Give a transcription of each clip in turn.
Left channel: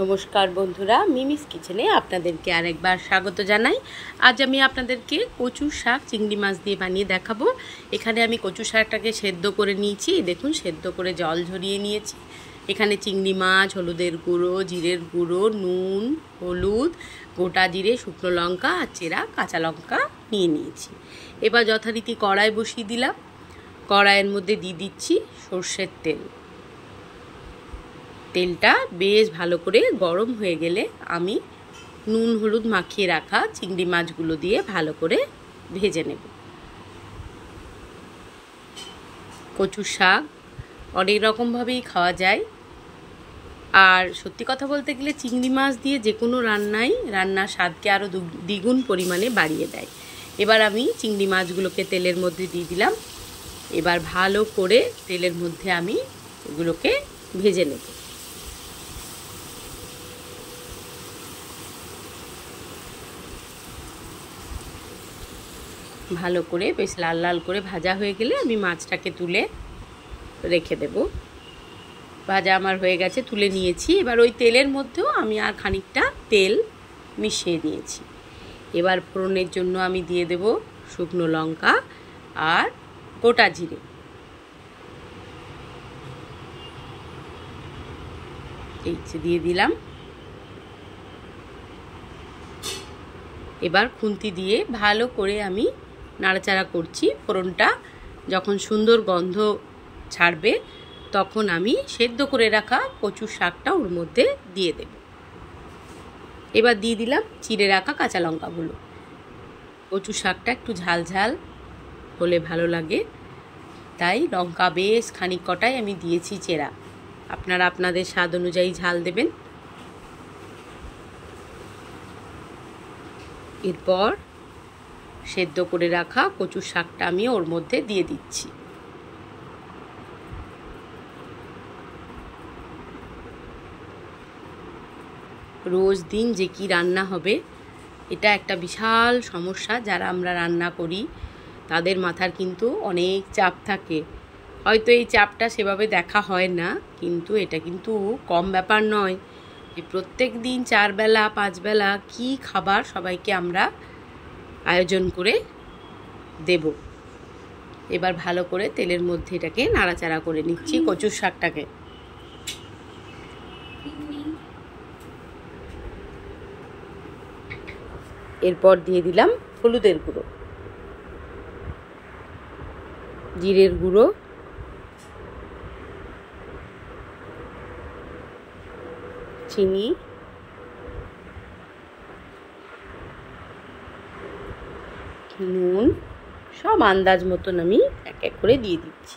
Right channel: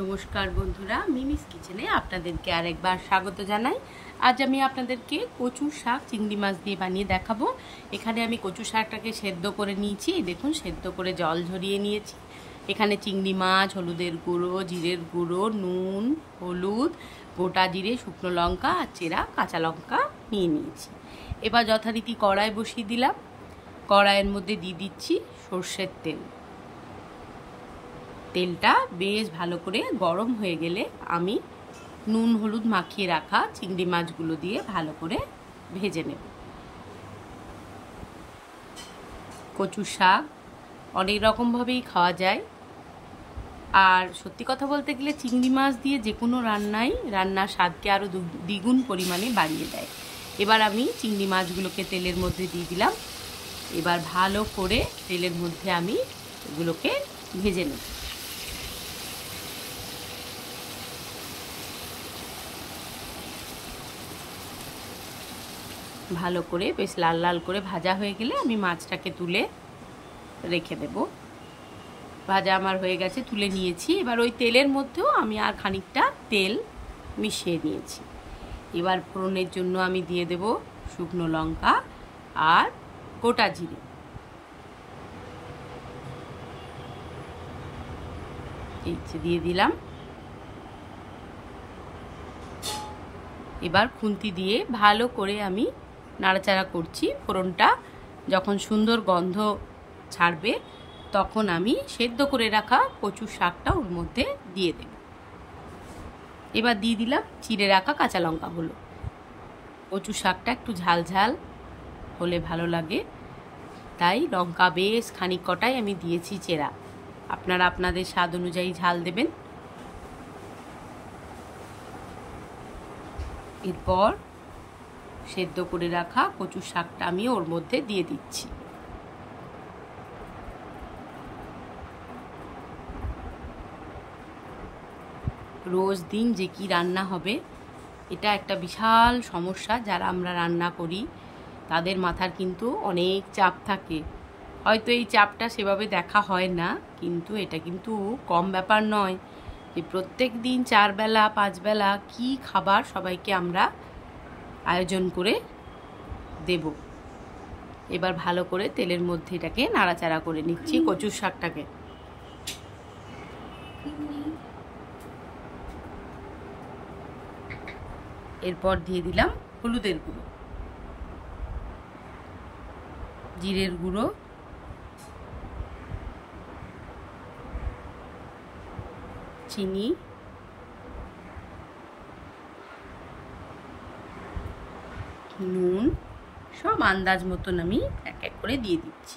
নমস্কার বন্ধুরা, মিমিস কিচেনে আপনাদেরকে আরেকবার স্বাগত জানাই। আজ আমি আপনাদেরকে কচু শাক চিংড়ি মাছ দিয়ে বানিয়ে দেখাবো। এখানে আমি কচু শাকটাকে সেদ্ধ করে নিয়েছি, দেখুন সেদ্ধ করে জল ঝরিয়ে নিয়েছি। এখানে চিংড়ি মাছ, হলুদের গুঁড়ো, জিরের গুঁড়ো, নুন, হলুদ, গোটা জিরে, শুকনো লঙ্কা আর চেরা কাঁচা লঙ্কা নিয়ে নিয়েছি। এবার যথারীতি কড়াই বসিয়ে দিলাম। কড়াইয়ের মধ্যে দিয়ে দিচ্ছি সর্ষের তেল। তেলটা বেশ ভালো করে গরম হয়ে গেলে আমি নুন হলুদ মাখিয়ে রাখা চিংড়ি মাছগুলো দিয়ে ভালো করে ভেজে নেব। কচু শাক অনেক রকমভাবেই খাওয়া যায়, আর সত্যি কথা বলতে গেলে চিংড়ি মাছ দিয়ে যে কোনো রান্নার স্বাদকে আরও দ্বিগুণ পরিমাণে বাড়িয়ে দেয়। এবার আমি চিংড়ি মাছগুলোকে তেলের মধ্যে দিয়ে দিলাম। এবার ভালো করে তেলের মধ্যে আমি এগুলোকে ভেজে নেব। ভালো করে বেশ লাল লাল করে ভাজা হয়ে গেলে আমি মাছটাকে তুলে রেখে দেব। ভাজা আমার হয়ে গেছে, তুলে নিয়েছি। এবার ওই তেলের মধ্যেও আমি আর খানিকটা তেল মিশিয়ে নিয়েছি। এবার ফোড়নের জন্য আমি দিয়ে দেব শুকনো লঙ্কা আর গোটা জিরে। এই যে দিয়ে দিলাম। এবার খুন্তি দিয়ে ভালো করে আমি নাড়াচাড়া করছি। ফোড়নটা যখন সুন্দর গন্ধ ছাড়বে তখন আমি সেদ্ধ করে রাখা কচু শাকটা ওর মধ্যে দিয়ে দেব। এবার দিয়ে দিলাম চিড়ে রাখা কাঁচা লঙ্কাগুলো। কচু শাকটা একটু ঝাল ঝাল হলে ভালো লাগে, তাই লঙ্কা বেশ খানিক কটাই আমি দিয়েছি চেরা। আপনারা আপনাদের স্বাদ অনুযায়ী ঝাল দেবেন। এরপর সেদ্ধ করে রাখা কচু শাকটা আমি ওর মধ্যে দিয়ে দিচ্ছি। রোজ দিন যে কি রান্না হবে, এটা একটা বিশাল সমস্যা। যারা আমরা রান্না করি তাদের মাথার কিন্তু অনেক চাপ থাকে। হয়তো এই চাপটা সেভাবে দেখা হয় না, কিন্তু এটা কিন্তু কম ব্যাপার নয় যে প্রত্যেক দিন 4 বেলা 5 বেলা কি খাবার সবাইকে আমরা আয়োজন করে দেব। এবার ভালো করে তেলের মধ্যে এটাকে নাড়াচাড়া করে নিচ্ছি কচুর শাকটাকে। এরপর দিয়ে দিলাম হলুদের গুঁড়ো, জিরের গুঁড়ো, চিনি, নুন, সব আন্দাজ মতন আমি এক এক করে দিয়ে দিচ্ছি।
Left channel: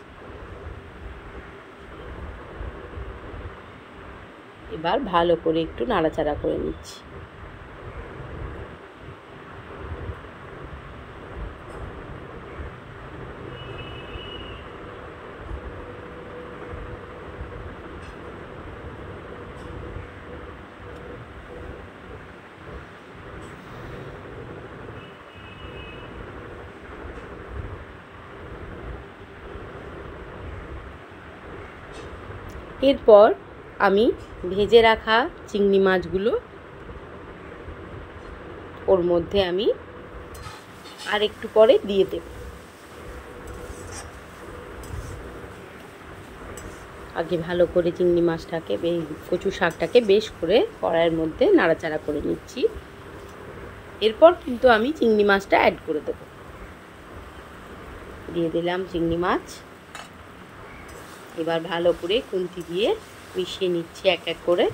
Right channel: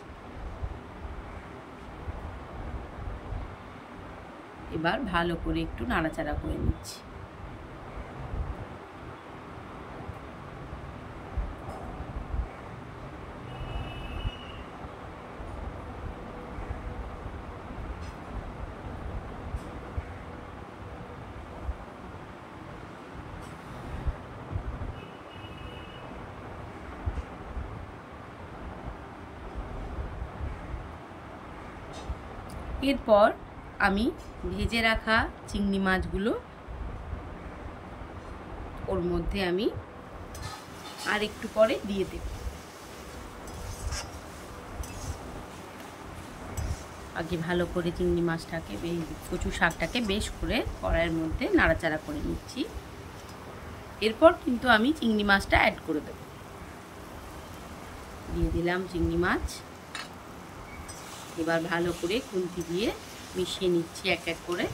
এবার ভালো করে একটু নাড়াচাড়া করে নিচ্ছি। এরপর আমি ভেজে রাখা চিংড়ি মাছগুলো ওর মধ্যে আমি আর একটু পরে দিয়ে দেব। আগে ভালো করে চিংড়ি মাছটাকে কচু শাকটাকে বেশ করে কড়াইয়ের মধ্যে নাড়াচাড়া করে নিচ্ছি। এরপর কিন্তু আমি চিংড়ি মাছটা অ্যাড করে দেব। দিয়ে দিলাম চিংড়ি মাছ। এবার ভালো করে খুন্তি দিয়ে মিশিয়ে নিচ্ছি এক এক করে।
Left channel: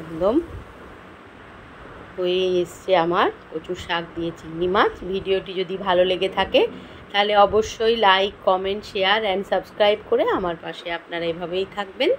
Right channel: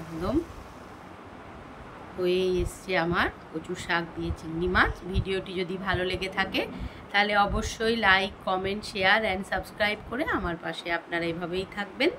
একদম হয়ে এসছে আমার কচু শাক দিয়ে চিংড়ি মাছ। ভিডিওটি যদি ভালো লেগে থাকে তাহলে অবশ্যই like, comment, share and subscribe করে আমার পাশে আপনারা এভাবেই থাকবেন।